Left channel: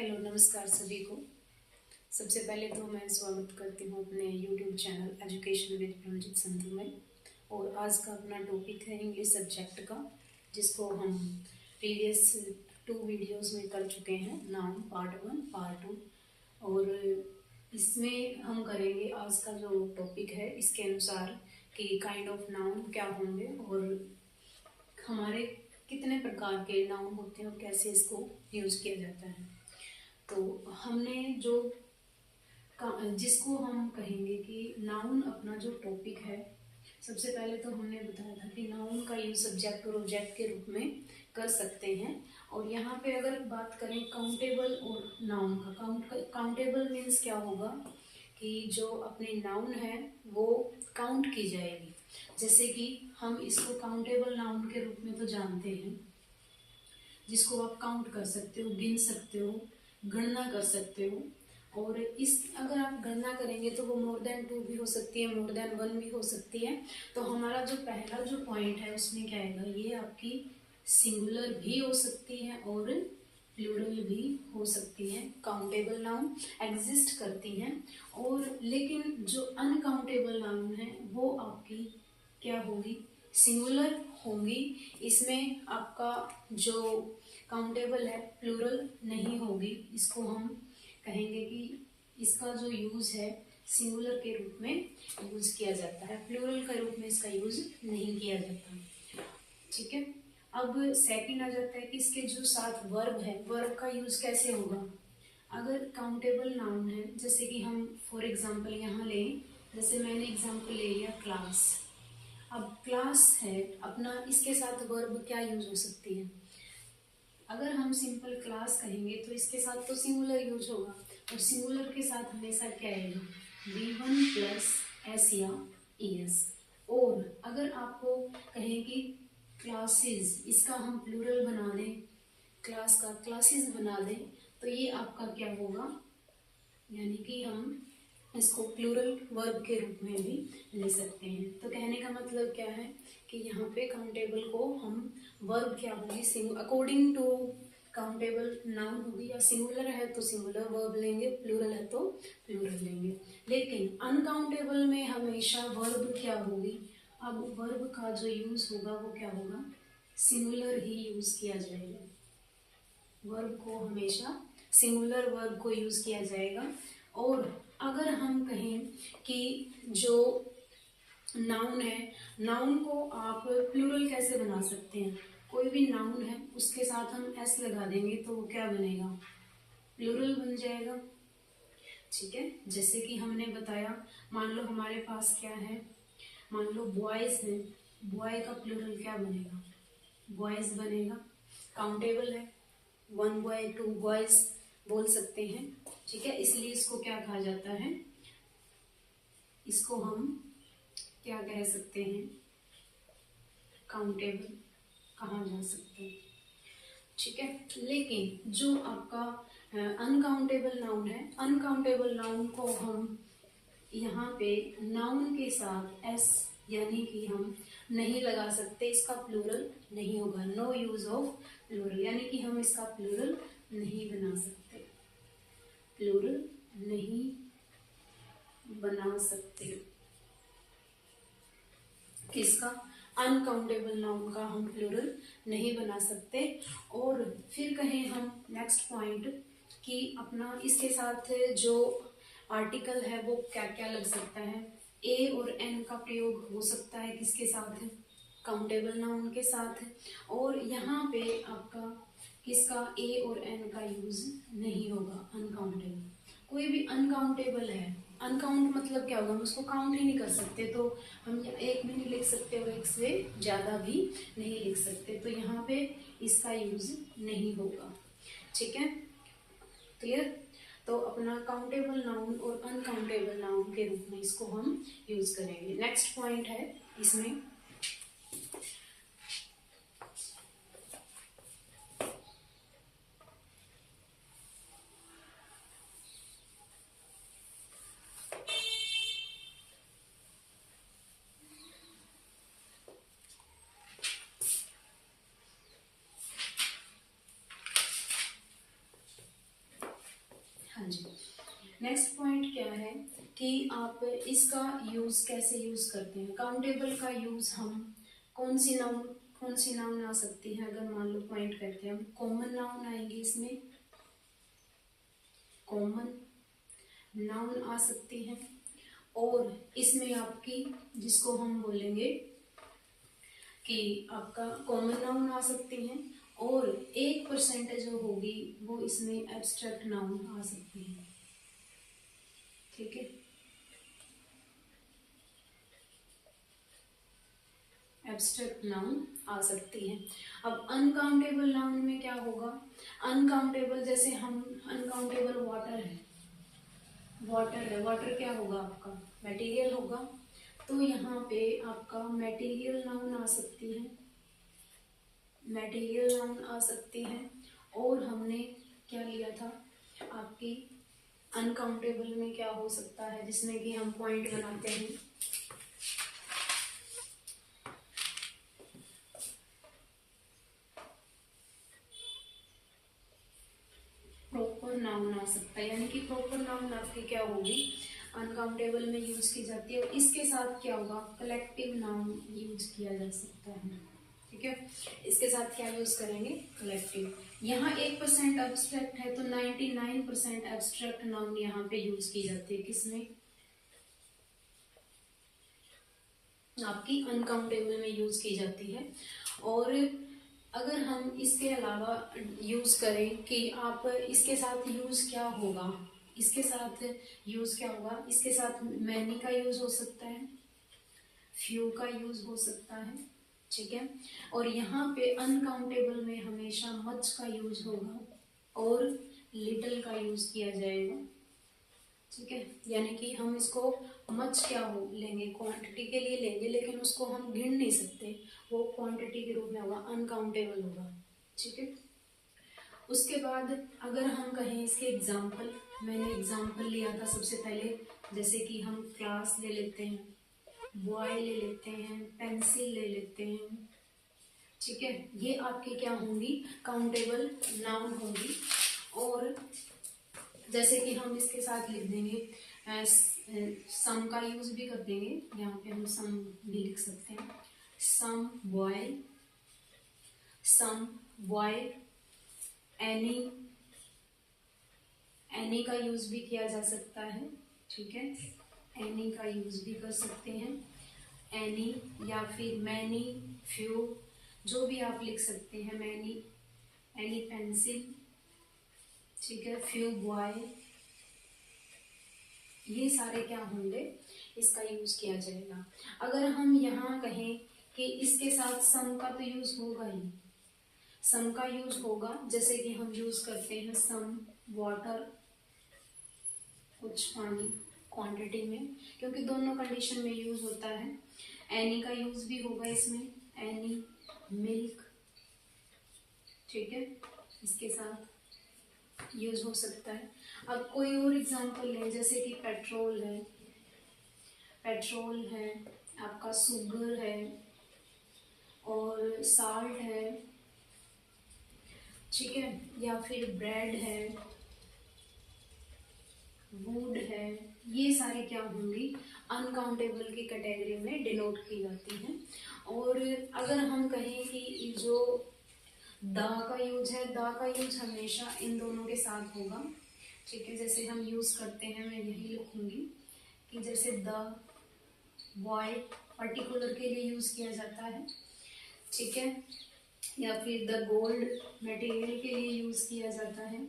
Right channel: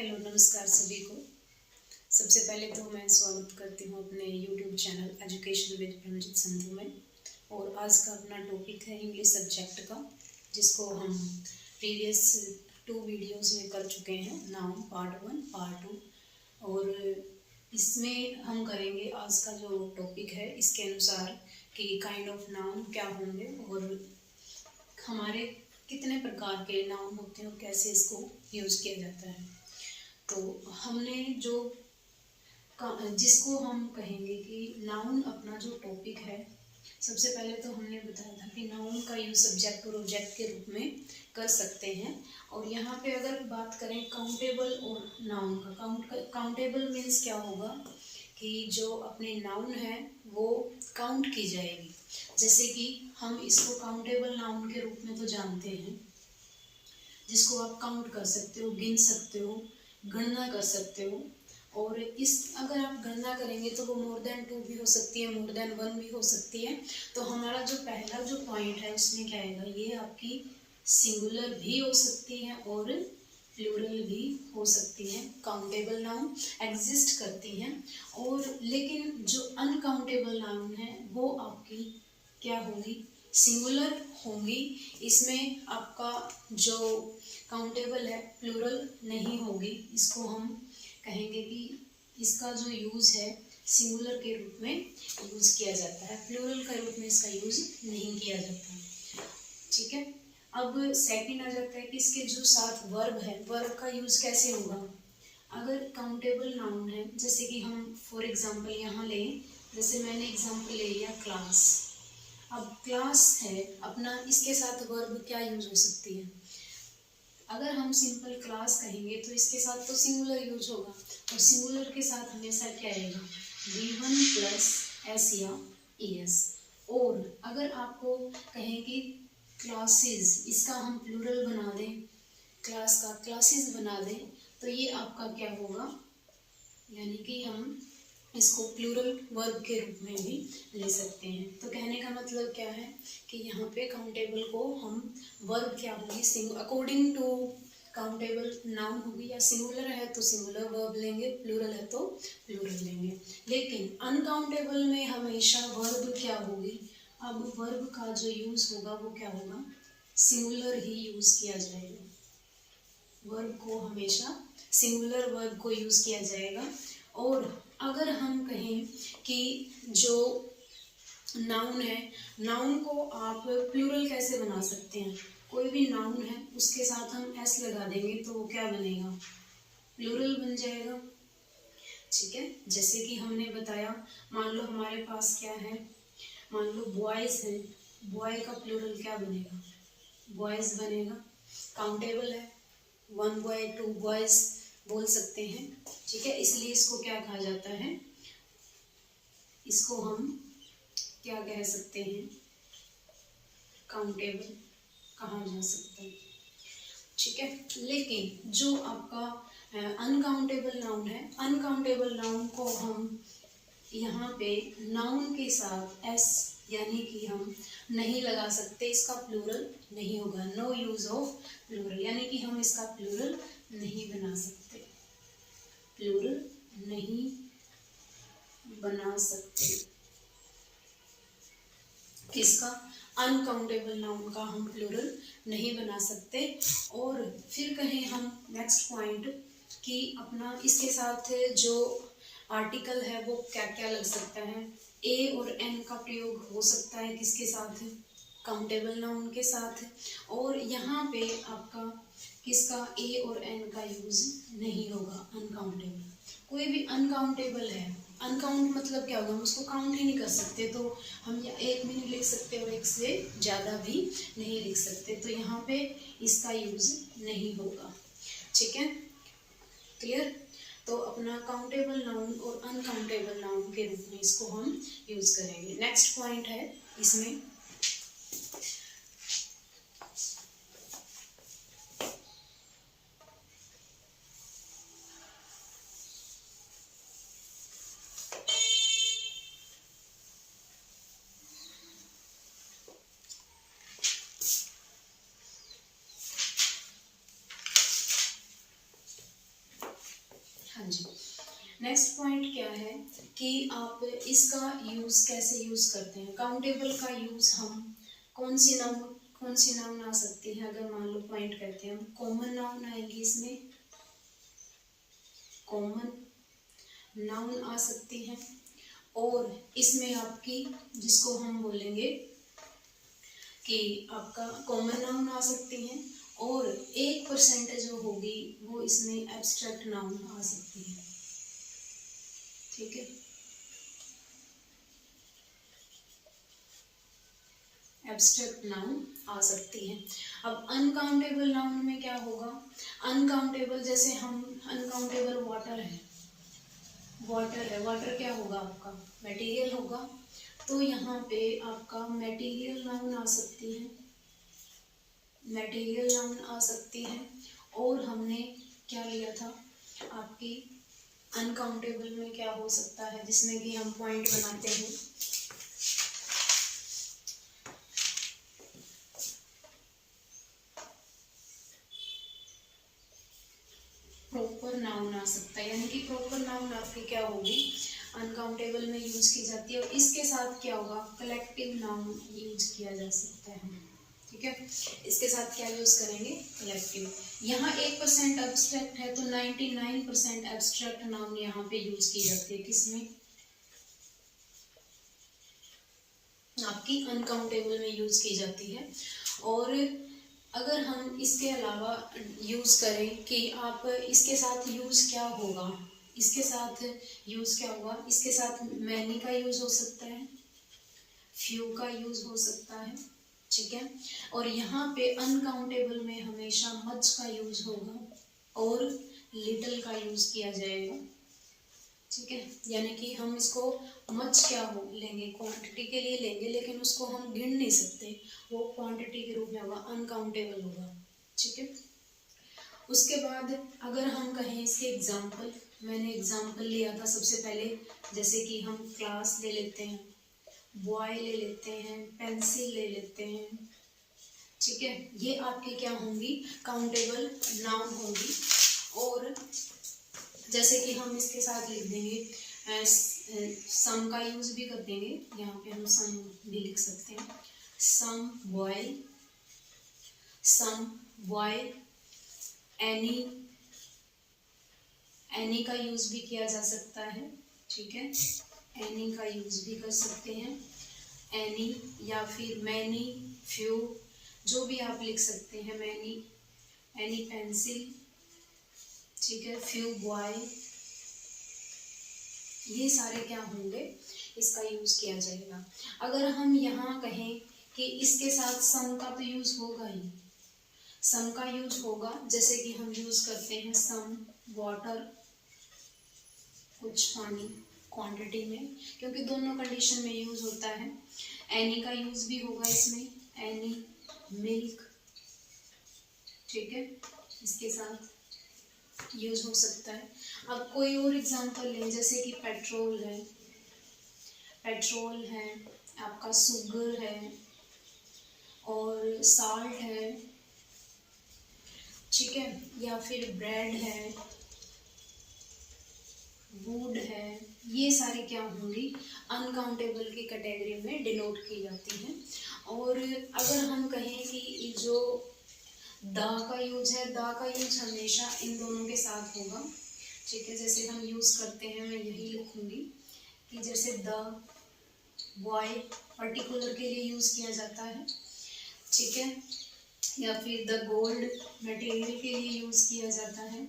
Hello नमस्कार सभी को। सबसे पहले तो मैं स्वागत करती हूँ अपने YouTube channel education with Pramjit Sandhu में। और आज का अपना टॉपिक है इंग्लिश सब्जेक्ट का, जिसको हम प्रीवियस 2 वीडियोस में कर चुके हैं, नाउन पार्ट 1 पार्ट 2। और इसमें हम करेंगे आज का जो टॉपिक है इसके अनुसार कि काइंड ऑफ नाउन क्या होंगे और हमारे कितने प्रकार के नाउन होते हैं और कैसे इसको यूज़ किया जाता है। तो हमने जो जिसको हम कहेंगे कि नाउन अपना जो टॉपिक है, सबसे पहले तो हमने बताया था कि नाउन का यूज सब्जेक्ट और ऑब्जेक्ट के रूप में कर सकते हैं। और यहाँ पे अगर बात करें काउंटेबल और नाउन का, काउंटेबल मीन्स क्या होगा कि जो अपने नाउन है वो काउंट की जाएगी। जैसे कि हम इसको काउंटेबल नाउन के रूप में तो जानते हैं, जिसको आप काउंट कर सकते हो, गिन सकते हो, गणना कर सकते हो। और इस अगर आप गणना करेंगे तो वो मोर देन 2 भी हो सकती है, मोर देन 1 भी हो सकती है। तो हमारा जो पहला जो पॉइंट है उसमें क्या आएगा, ये आपकी सिंगुलर भी हो सकती है और प्लूरल भी हो सकती है। काउंटेबल नाउन एग्जिस्ट करती हैं। और लेकिन जो अनकाउंटेबल नाउन है वो आपकी क्या होगी, सिंगुलर होंगी। इसमें आपका जो काउंटेबल है प्लूरल नहीं होगी। इसको हम कहेंगे कि इसका जो यूज़ है सिंगुलर के रूप में यूज़ किया जाता है, प्लूरल के रूप में इसका यूज़ नहीं किया जाता। ठीक है। अब सेकंड आ जाता है कि इसके जो साथ वर्ब है, वर्ब का यूज़ कैसे होगा। अगर काउंटेबल नाउन है, जैसे कि हम फॉर एग्जांपल यहाँ लें, जैसे मैंने एग्जांपल ले लिया क्लास। अब क्लास है अपना, इसके साथ वर्ब क्या यूज हो सकती है। अगर हम सिंपल क्लास कहेंगे तो इसके साथ तो सिंगुलर यूज होगा, और सिंगुलर के साथ हमेशा क्या आएगा, V1 प्लस एस या ES। और अगर आपको कहें कि क्लासेस, इसका हम प्लूरल बना दें, क्लास का क्लासेस बना दें, तो ये आपका क्या होगा, यानी कि हम इसको प्लूरल वर्ब के रूप में भी ले सकते हैं। तो कहने का मतलब क्या है कि यहाँ पे काउंटेबल को हम वर्ब क्या होगी, अकॉर्डिंग टू काउंटेबल नाउन होगी, या सिंगुलर है तो सिंगुलर वर्ब लेंगे, प्लूरल है तो प्लूरल लेंगे। लेकिन अनकाउंटेबल में हमेशा वर्ब क्या होगी, अब वर्ब का जो यूज होगा वो क्या होगा, सिंगुलर ही यूज किया जाएगा। वर्ब को हमेशा सिंगुलर वर्ब को यूज किया जाएगा। और अगर हम कहें कि जो नाउन है, नाउन को आप प्लूरल कैसे बना सकते हैं, कोई भी नाउन है उसके साथ हम एस लगा देंगे तो वो क्या बनेगा, प्लूरल बन जाएगा। ठीक है। जैसे कि हमने बताया, मान लो हमारे पास क्या है, मान लो बॉयज है, बॉय का प्लूरल क्या बनेगा, बॉयज बनेगा। काउंटेबल है, 1 बॉय 2 बॉयज बोल सकते हैं। ठीक है। इसलिए इसको क्या कहा जाता है, इसको हम क्या कह सकते हैं, काउंटेबल कहा जा सकता है। ठीक है। लेकिन जो आपका अनकाउंटेबल नाउन है, अनकाउंटेबल नाउन को हम यहाँ पे नाउन के साथ एस यानी कि हम नहीं लगा सकते, इसका प्लूरल नहीं होगा, नो यूज ऑफ प्लूरल, यानी कि हम इसका प्लूरल नहीं बना सकते, प्लूरल नहीं बना सकते। किसका, अनकाउंटेबल नाउन का हम प्लूरल नहीं बना सकते। और फिर कहें हम नेक्स्ट पॉइंट कि अपना इसके साथ जो आर्टिकल है वो क्या क्या लग सकता है, ए और एन का प्रयोग हो सकता है, किसके साथ, काउंटेबल नाउन के साथ। और यहाँ पे आपका किसका, ए और एन का यूज नहीं होगा, अनकाउंटेबल। कोई भी अनकाउंटेबल है, अनकाउंट मतलब क्या होगा, हम उसको काउंट ही नहीं कर सकते, तो हम एक में नहीं लिख सकते और एक से ज़्यादा भी नहीं लिख सकते, तो यहाँ पे इसका यूज नहीं होगा। ठीक है, क्लियर। तो अपना काउंटेबल नाउन और अनकाउंटेबल नाउन के रूप में इसको हम यूज करेंगे। नेक्स्ट पॉइंट है इसमें, हाँ जी। नेक्स्ट पॉइंट क्या है कि आप इसका यूज़ कैसे यूज़ करते हैं। काउंटेबल का यूज़ हम कौन सी नाउन आ सकती है। अगर मान लो पॉइंट करते हैं हम, कॉमन नाउन आएंगी इसमें, कॉमन नाउन आ सकती हैं, और इसमें आपकी जिसको हम बोलेंगे कि आपका कॉमन नाउन आ सकती हैं, और 1% जो होगी वो इसमें एब्स्ट्रैक्ट नाउन आ सकती है। ठीक है, एब्स्ट्रैक्ट नाउन आ सकती है। अब अनकाउंटेबल नाउन में क्या होगा। अनकाउंटेबल जैसे हम अनकाउंटेबल वाटर है, वाटर क्या होगा आपका, मटेरियल होगा। तो यहाँ पे आपका मटेरियल नाउन आ सकती है, मटेरियल नाउन आ सकती है। और हमने क्या लिया था आपकी अनकाउंटेबल में क्या हो सकता है, जिसमें कि हम पॉइंट बनाते हैं। प्रॉपर नाउन आ सकता है, यानी कि प्रॉपर नाउन आपकी क्या होगी, अनकाउंटेबल में यूज की जाती है। और इसके साथ क्या होगा, कलेक्टिव नाउन यूज किया जा सकता है। ठीक है, इसके साथ क्या यूज करेंगे, कलेक्टिव। यहाँ 1% एब्स्ट्रैक्ट है तो 99% एब्स्ट्रैक्ट नाउन यहाँ पे यूज की जाती है, किसमें, आपकी अनकाउंटेबल में यूज की जाती है। और अगर हम इसके अलावा यूज करें कि आप इसके साथ यूज क्या होगा, इसके साथ यूज क्या होगा, इसके साथ मैनी का यूज हो सकता है, फ्यू का यूज हो सकता है। ठीक है, और यहाँ पे अनकाउंटेबल में हमेशा मच का यूज होगा और लिटिल का यूज किया जाएगा। ठीक है, यानी कि हम इसको मच क्या हो लेंगे, क्वांटिटी के लिए लेंगे, लेकिन उसको हम गिन नहीं सकते, वो क्वांटिटी के रूप में होगा, अनकाउंटेबल होगा। ठीक है, उसके बाद अगर हम कहें इसके एग्जाम्पल, मैंने एग्जाम्पल लिया था सबसे पहले, जैसे कि हम क्लास ले लेते हैं, बॉय ले लेते हैं, पेंसिल ले लेते हैं। ठीक है, ये आपके क्या होंगी, काउंटेबल नाउन होंगी। और जैसे कि हम इसके साथ लिख देंगे, सम का यूज भी कर देंगे, यहाँ पे हम सम भी लिख सकते हैं, सम बॉय, एनी का यूज भी किया जा सकता है। ठीक है, एनी का यूज भी कर सकते हैं, एनी या फिर मैनी, फ्यू, जो भी आप लिख सकते हैं, मैनी, एनी पेंसिल। ठीक है, फ्यू बॉय, ये सारे क्या होंगे, इसका यूज किया जाएगा। अगर हम यहाँ कहें कि इसके साथ सम का तो यूज होगा ही, सम का यूज होगा, जैसे कि हम यूज करते हैं सम वाटर, कुछ पानी क्वांटिटी में, क्योंकि दोनों कंडीशन में यूज होता है। एनी का यूज भी होगा इसमें, एनी मिल्क। ठीक है, इसके साथ यूज हो सकता है। अब कोई और एग्जांपल लें, जैसे कि पेट्रोल है, आपका शुगर है, और साल्ट है। ठीक है, या फिर ब्रेड है, वुड है, ये सारे क्या होंगी, अनकाउंटेबल की कैटेगरी में डिनोट की जाती हैं। और अगर हम कहें कि जो द का यूज है, द का यूज हमेशा इन दोनों के साथ होगा। ठीक है, जैसे हम यूज करते हैं, मैं यही लिखूंगी कि जैसे द बॉय पर्टिकुलर के लिए यूज किया जाता है। ठीक है, या फिर द गोल्ड मटेरियल के लिए यूज किया जाता है।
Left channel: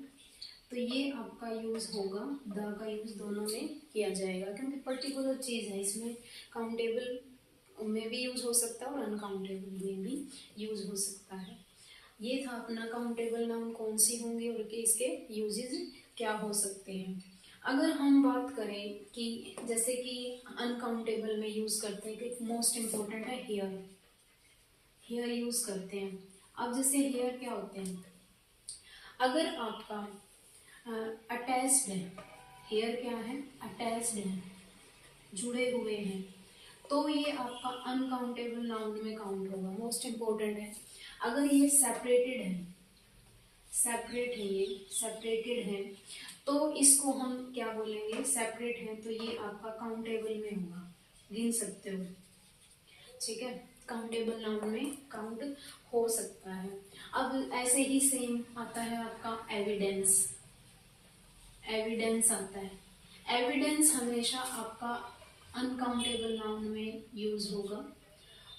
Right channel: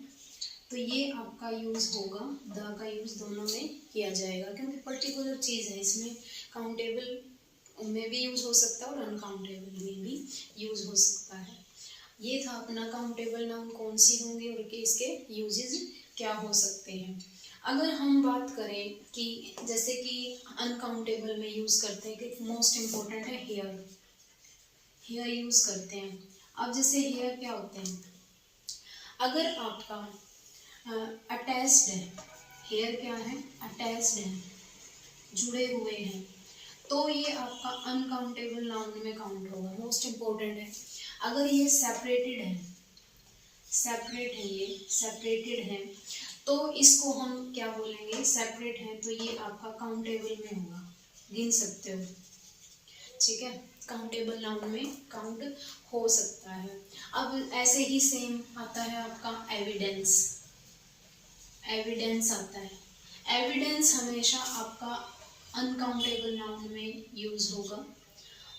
तो ये आपका यूज होगा, द का यूज दोनों में किया जाएगा, क्योंकि पर्टिकुलर चीज है, इसमें काउंटेबल में भी यूज हो सकता है और अनकाउंटेबल में भी यूज हो सकता है। ये था अपना काउंटेबल नाउन कौन सी होंगे और इसके यूजेस क्या हो सकते हैं। अगर हम बात करें कि जैसे कि अनकाउंटेबल में यूज करते हैं, कि मोस्ट इम्पोर्टेंट है हेयर यूज करते हैं। अब जैसे हेयर क्या होते हैं, अगर आपका अटैच्ड है, हेयर क्या है, अटैच्ड है, जुड़े हुए हैं, तो ये आपका अनकाउंटेबल नाउन में काउंट होगा, मोस्ट इम्पोर्टेंट है। अगर ये सेपरेटेड है, ये सेपरेटेड है, तो इसको हम क्या बोलेंगे, सेपरेट है तो ये आपका काउंटेबल में होगा, गिन सकते हो। ठीक है, काउंटेबल नाउन में काउंट हो सकता है। अब ऐसे ही सेम आता है आपका एविडेंस। एविडेंस आता है। एविडेंस हमेशा आपका अनकाउंटेबल नाउन में यूज होगा।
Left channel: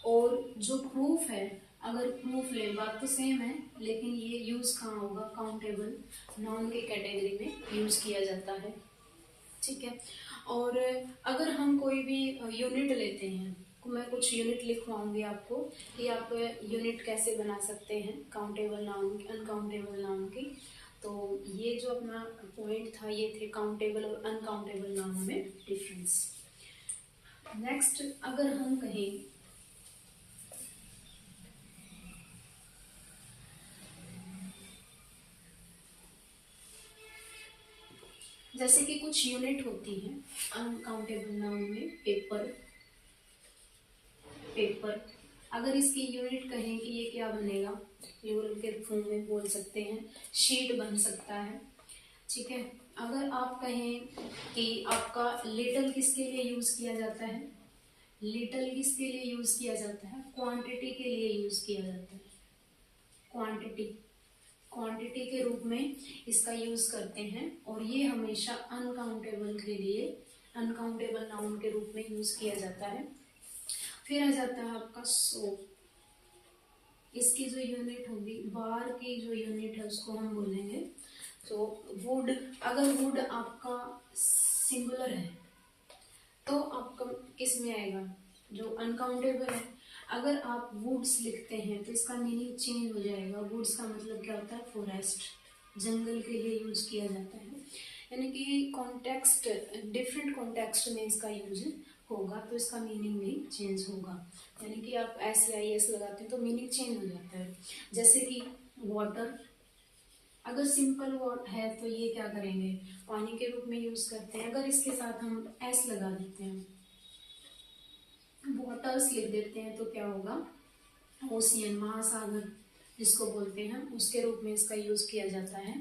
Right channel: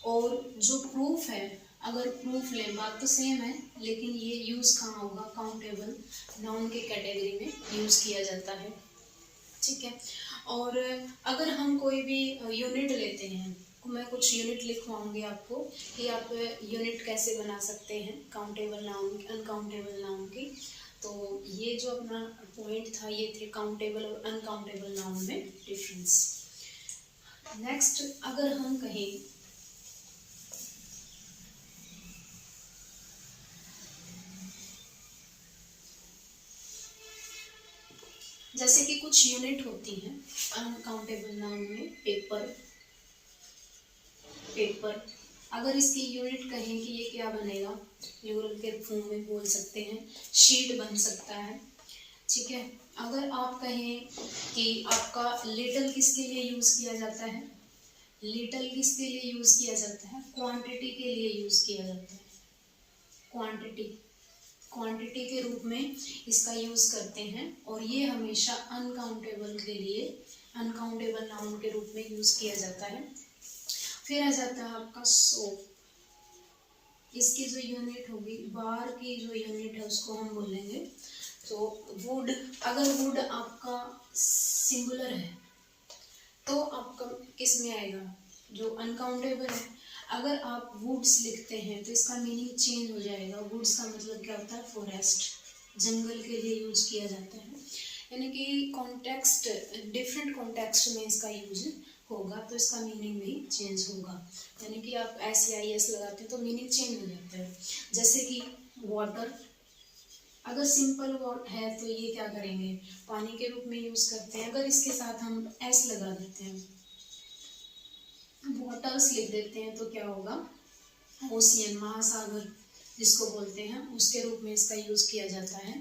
और जो प्रूफ है, अगर प्रूफ लें, बात तो सेम है लेकिन ये यूज कहाँ होगा, काउंटेबल नाउन के कैटेगरी में यूज किया जाता है। ठीक है, और अगर हम कोई भी यूनिट लेते हैं, मैं कुछ यूनिट लिखवाऊंगी आपको कि आप यूनिट कैसे बना सकते हैं काउंटेबल नाउन की, अनकाउंटेबल नाउन की। तो ये जो अपना पॉइंट था ये थे काउंटेबल और अनकाउंटेबल नाउन में डिफरेंस। नेक्स्ट अगर हम कहें जैसे कि कुछ यूनिट होती हैं अनकाउंटेबल नाउन में, पेपर। पेपर अगर इसकी यूनिट कहें कि ये क्या बनेगा, प्लूरल के फॉर्म में बोल सकते हैं, शीट बन सकता है। ठीक है, अगर आप कहें कि आपका लिटल किसके लिए यूज़ किया जाता है, लिटल किसके लिए यूज़ किया जाता है, क्वांटिटी के लिए यूज़ किया जाता है। क्वांटिटी, क्वांटिटी के रूप में इसका यूज़ करते हैं और ये हमेशा अनकाउंटेबल के लिए, अनकाउंटेबल नाउन के रूप में यूज़ किया जाता है। फिर आ जाता है आपका सोप। इसकी जो यूनिट होगी, बार की जो यूनिट है उसको हम बोलेंगे तो वुड। अगर वुड आपका सिंगुलर है तो आपका किस में आएगा, जो अनकाउंटेबल है। अगर आप वुड्स लिखते हैं तो इसका मीनिंग चेंज हो जाएगा। वुड्स का मतलब क्या होता है, फॉरेस्ट, जंगल के लिए यूज किया जाता है। यानी कि कॉन्टेक्स्ट, डिफरेंट कॉन्टेक्स्ट में इसका यूज होगा तो इसका मीनिंग भी चेंज होगा। यानी कि आप SEIS लगाते हैं तो मीनिंग चेंज हो जाता है। जैसे कि वाटर, अगर सिंपल वर्ड है तो ये क्या करेंगे, पानी के रूप में यूज करते हैं। अगर इसके साथ हम S लगा देते हैं, वाटर्स लिख देते हैं तो क्या होगा, ओशियन, महासागर जिसको बोलते हैं, उसके रूप में इसका यूज किया जाता है।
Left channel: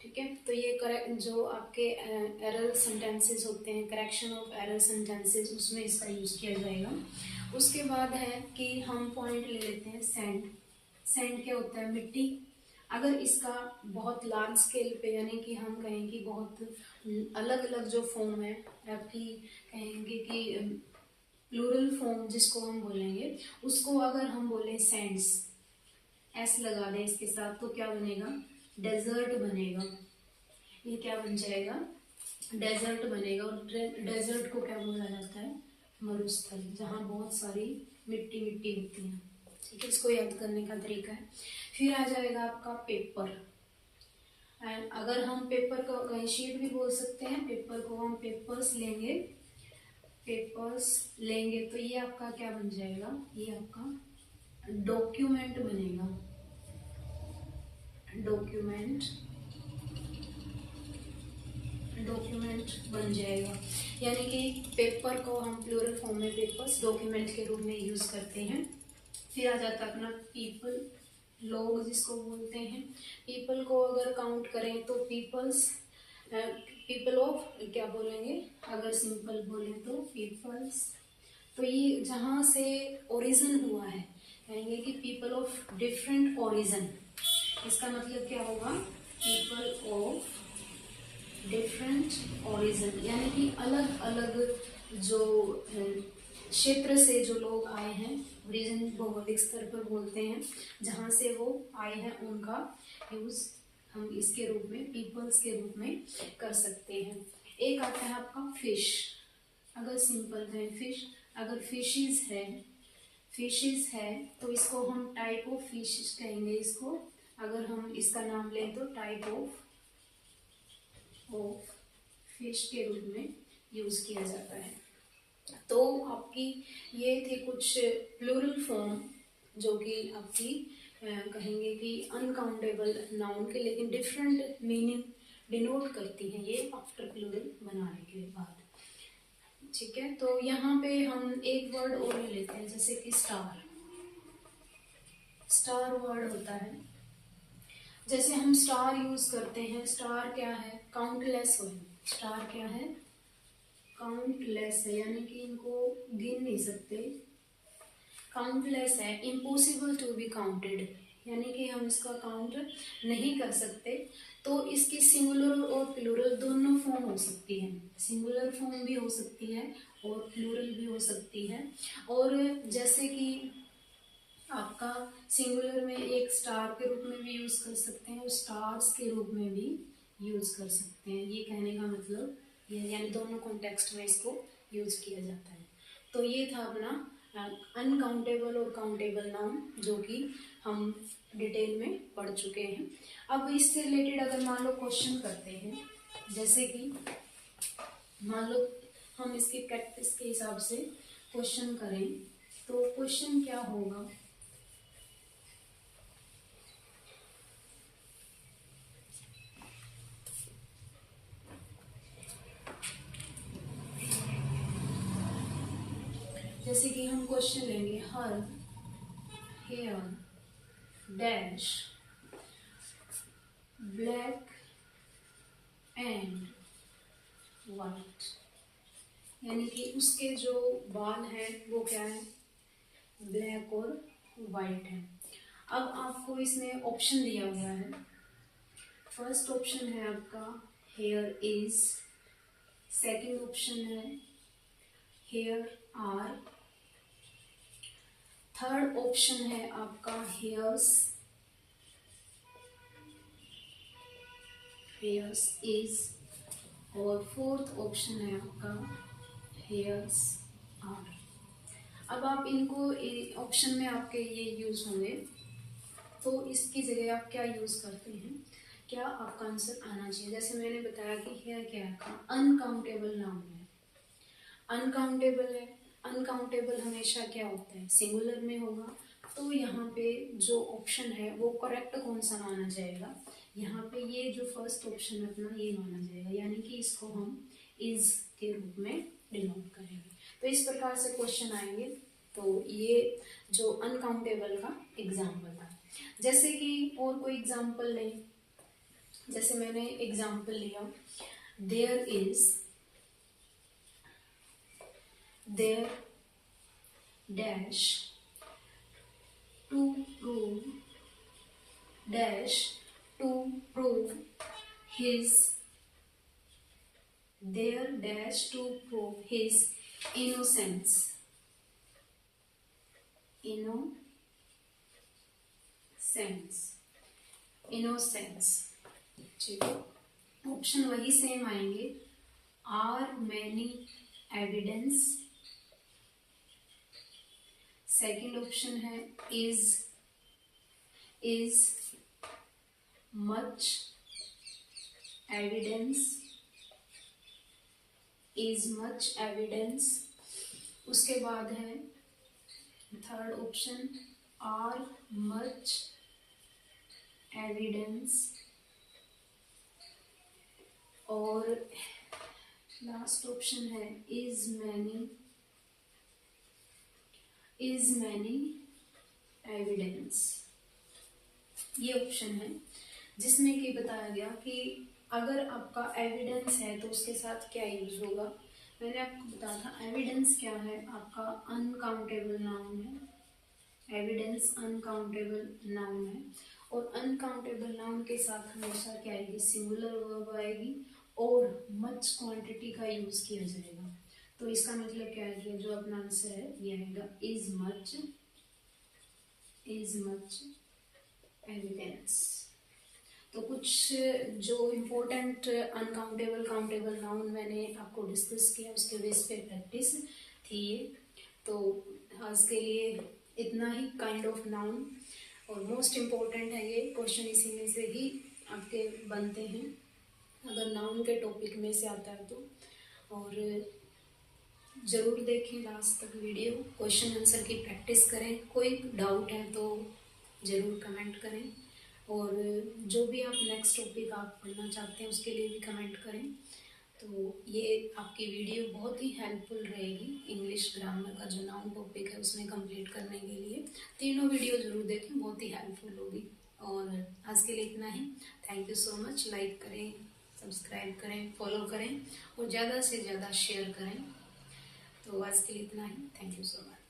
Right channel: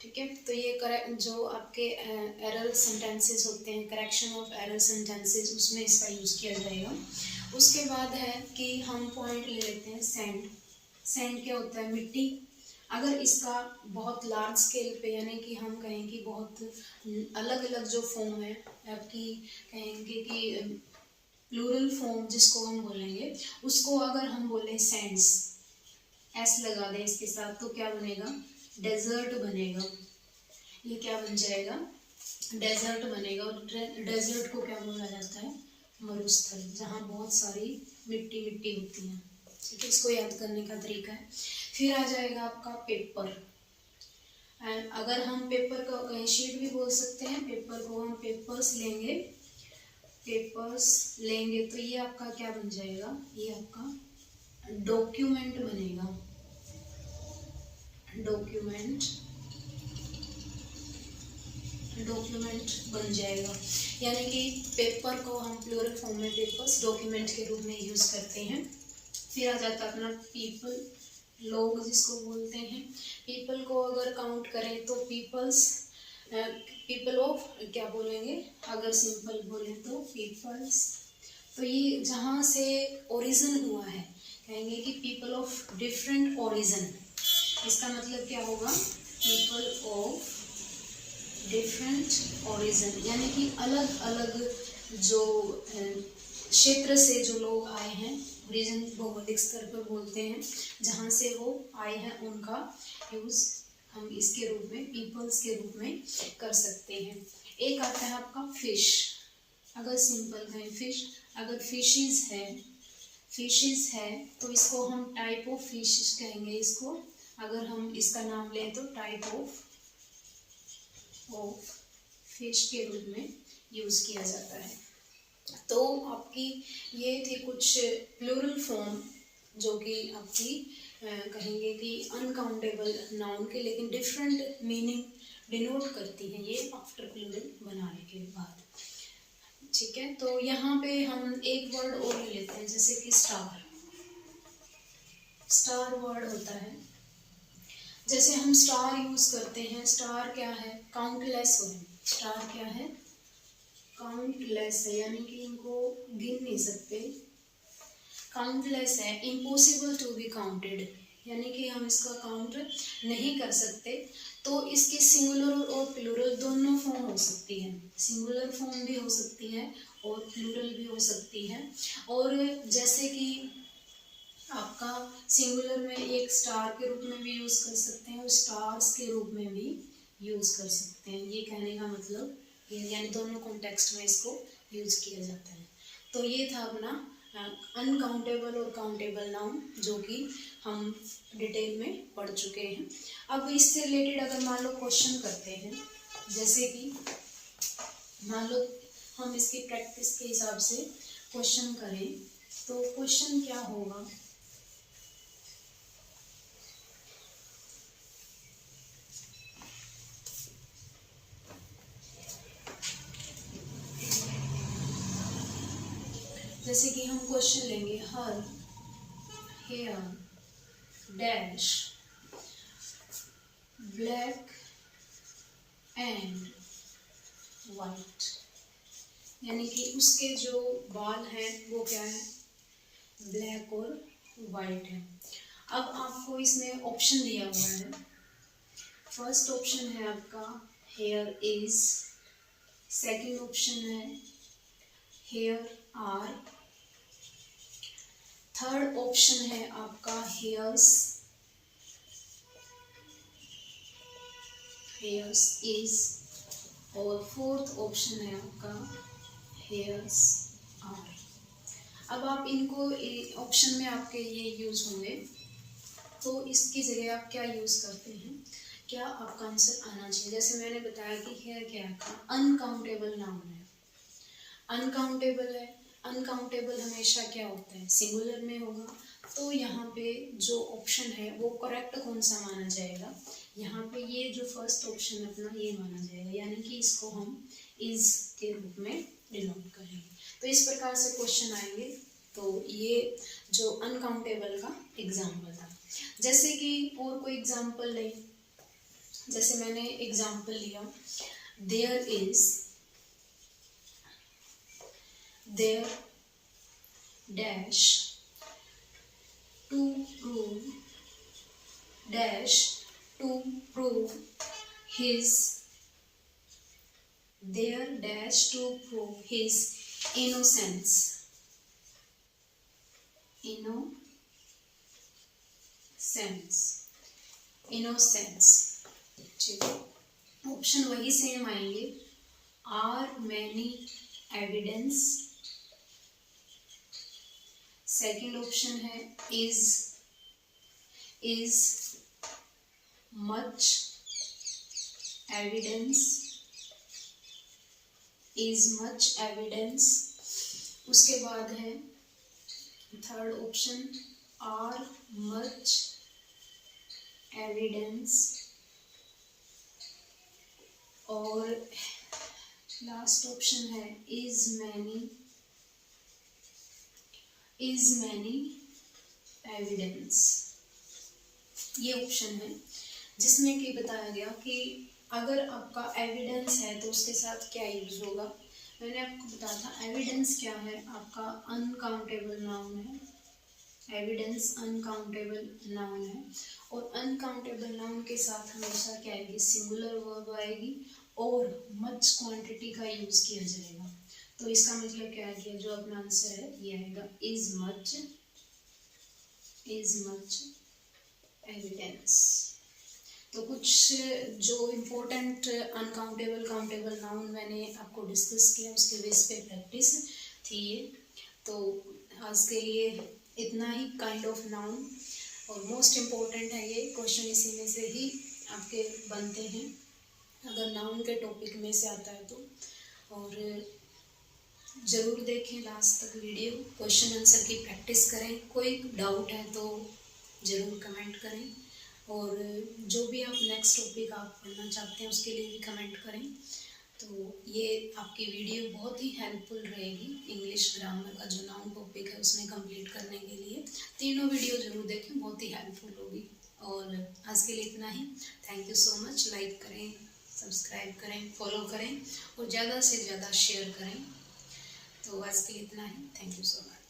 ठीक है, तो ये जो आपके एरर सेंटेंसेस होते हैं, करेक्शन ऑफ एरर सेंटेंसेस, उसमें इसका यूज किया जाएगा। उसके बाद है कि हम पॉइंट ले लेते हैं सैंड। सैंड क्या होता है, मिट्टी। अगर इसका बहुत लार्ज स्केल पे, यानी कि हम कहेंगे बहुत अलग अलग जो फॉर्म है आपकी, कहेंगे कि प्लूरल फॉर्म जिसको हम बोलेंगे, उसको अगर हम बोले सैंड्स, S लगा दें इसके साथ तो क्या बनेगा, डेजर्ट बनेगा। ये क्या बन जाएगा, डेजर्ट बनेगा। और डेजर्ट को क्या बोला जाता है, मरुस्थल, जहाँ बहुत सारी मिट्टी मिट्टी होती है। ठीक है, इसको याद करने का तरीका है। फिर आ जाएगा आपका पेपर। एंड अगर हम पेपर को कहीं शीट भी बोल सकते हैं, पेपर को हम पेपर्स लेंगे, पेपर्स लेंगे तो ये आपका क्या बन जाएगा, ये आपका डॉक्यूमेंट बनेगा। डॉक्यूमेंट, डॉक्यूमेंट बन जाएगा। यानी कि पेपर को हम प्लूरल फॉर्म में पेपर्स, डॉक्यूमेंट के रूप में यूज करते हैं। फिर आ जाता है अपना पीपल, लोग जिसको बोलते हैं। पीपल को अगर काउंट करें तो पीपल्स, पीपल ऑफ क्या बोलेंगे, अगर सिंपल बोलें तो पीपल्स। तो ये जहाँ से ओरिजिन हुआ है, कहेंगे कि पीपल ऑफ डिफरेंट ओरिजिन। इसका मतलब क्या होगा, पीपल ऑफ डिफरेंट ओरिजिन, यानी कि अलग अलग जो क्षेत्र से जो लोग आए हैं, ओरिजिन भौगोलिक स्तर पर बोलते हैं, जहाँ से वो आए हैं उनका यूज़ हम इसके रूप में, पीपल्स के रूप में कर सकते हैं। एक आता है आपका फिश। अगर सिंपल कहें फिश, अगर फिशेस है, फिशेस है तो इसको हम टाइप ऑफ फिश कहेंगे। इसको अगर हम इसका नाम लें तो टाइप ऑफ फिश के रूप में यूज किया जाता है। तो आपकी ये थे कुछ प्लूरल फॉर्म जो कि आपकी कहेंगे कि अनकाउंटेबल नाउन के, लेकिन डिफरेंट मीनिंग डिनोट करती हैं ये आफ्टर प्लूरल बनाने के बाद। ठीक है, तो यहाँ पे हम एक वर्ड और ले लेते हैं, जैसे कि स्टार। स्टार वर्ड होता है, जैसे हम स्टार यूज करते हैं, स्टार क्या है, काउंटलेस हो, स्टार क्या है, काउंटलेस है, यानी कि इनको गिन नहीं सकते, काउंटलेस है, इम्पॉसिबल टू बी काउंटेड, यानी कि हम इसका काउंट नहीं कर सकते। तो इसकी सिंगुलर और प्लूरल दोनों फॉर्म हो सकती है, सिंगुलर फॉर्म भी हो सकती है और प्लूरल भी हो सकती है। और जैसे कि आपका सिंगुलर में एक स्टार के रूप में भी यूज कर सकते हैं और स्टार्स के रूप में भी यूज कर सकते हैं, ये कहने का मतलब ये, यानी दोनों कॉन्टेक्स्ट में इसको यूज किया जाता है। तो ये था अपना अनकाउंटेबल और काउंटेबल नाउन, जो कि हम डिटेल में पढ़ चुके हैं। अब इससे रिलेटेड अगर मान लो क्वेश्चन करते हैं, जैसे कि मान लो हम इसकी प्रैक्टिस के हिसाब से क्वेश्चन करें, तो क्वेश्चन क्या होगा, जैसे कि हम क्वेश्चन लेंगे, हर here dash black and white, यानी कि उसके जो बाल हैं वो क्या है, ब्लैक और वाइट है। अब आपको इसमें ऑप्शन दिया हुआ है, फर्स्ट ऑप्शन है आपका हेयर इज, सेकंड ऑप्शन है हेयर आर, थर्ड ऑप्शन है आपका हेयर्स, हेयर्स इज, और फोर्थ ऑप्शन है आपका हेयर्स आर। अब आप इनको ऑप्शन में आपके ये यूज होंगे, तो इसकी जगह आप क्या यूज करते हैं, क्या आपका आंसर आना चाहिए। जैसे मैंने बताया कि हेयर क्या है, अनकाउंटेबल नाउन है, अनकाउंटेबल है, अनकाउंटेबल हमेशा क्या होता है, सिंगुलर में होगा। तो यहाँ पे जो ऑप्शन है वो करेक्ट कौन सा माना जाएगा, यहाँ पे ये जो फर्स्ट ऑप्शन है अपना ये माना जाएगा, यानी कि इसको हम इज के रूप में डिनोट करेंगे। तो इस प्रकार से क्वेश्चन आएंगे। तो ये जो अनकाउंटेबल का एग्जाम्पल था। जैसे कि और कोई एग्जाम्पल लें, जैसे मैंने एग्जाम्पल लिया, there is, there dash to prove dash to prove his, there dash to prove his innocence, innocence, ठीक है। ऑप्शन वही सेम आएंगे, are many evidence, second option है is much evidence, is much evidence, उसके बाद है third option are much evidence, और last option है इज मैनी एविडेंस। ये ऑप्शन है जिसमें कि बताया गया कि अगर आपका एविडेंस है तो उसके साथ क्या यूज होगा। मैंने आपको बताया था एविडेंस क्या है, आपका अनकाउंटेबल नाउन है, एविडेंस अनकाउंटेबल नाउन है, और अनकाउंटेबल नाउन के साथ हमेशा क्या आएगी, सिंगुलर वर्ब आएगी और मच क्वांटिटी का यूज किया जाएगा। तो इसका मतलब क्या है कि जो अपना आंसर है ये आएगा इज मच एविडेंस। तो कुछ जो इम्पोर्टेंट अनकाउंटेबल काउंटेबल नाउन मैंने आपको डिस्कस किया उसके बेस पे प्रैक्टिस थी ये। तो आज के लिए इतना ही काइंड ऑफ नाउन, और मोस्ट इम्पोर्टेंट है ये क्वेश्चन, इसी में से ही आपके बनते हैं अगर नाउन के टॉपिक में से आता है तो। और ज़रूर देखें लास्ट तक वीडियो, क्वेश्चन आंसर की प्रैक्टिस करें, कोई डाउट है तो ज़रूर कमेंट करें, और जो भी आप नेक्स्ट टॉपिक आप पढ़ना चाहते हैं उसके लिए भी कमेंट करें। तो ये आपकी वीडियो बहुत ही हेल्पफुल रहेगी इंग्लिश ग्रामर का जो नाउन टॉपिक है उसमें कंप्लीट करने के लिए। तीनों वीडियो ज़रूर देखें, बहुत ही हेल्पफुल होगी। और आज के लिए इतना ही। Thank you so much. Like करें, सब्सक्राइब करें, फॉलो करें और ज़्यादा से ज़्यादा शेयर करें। तो आज के लिए इतना ही। Thank you so much.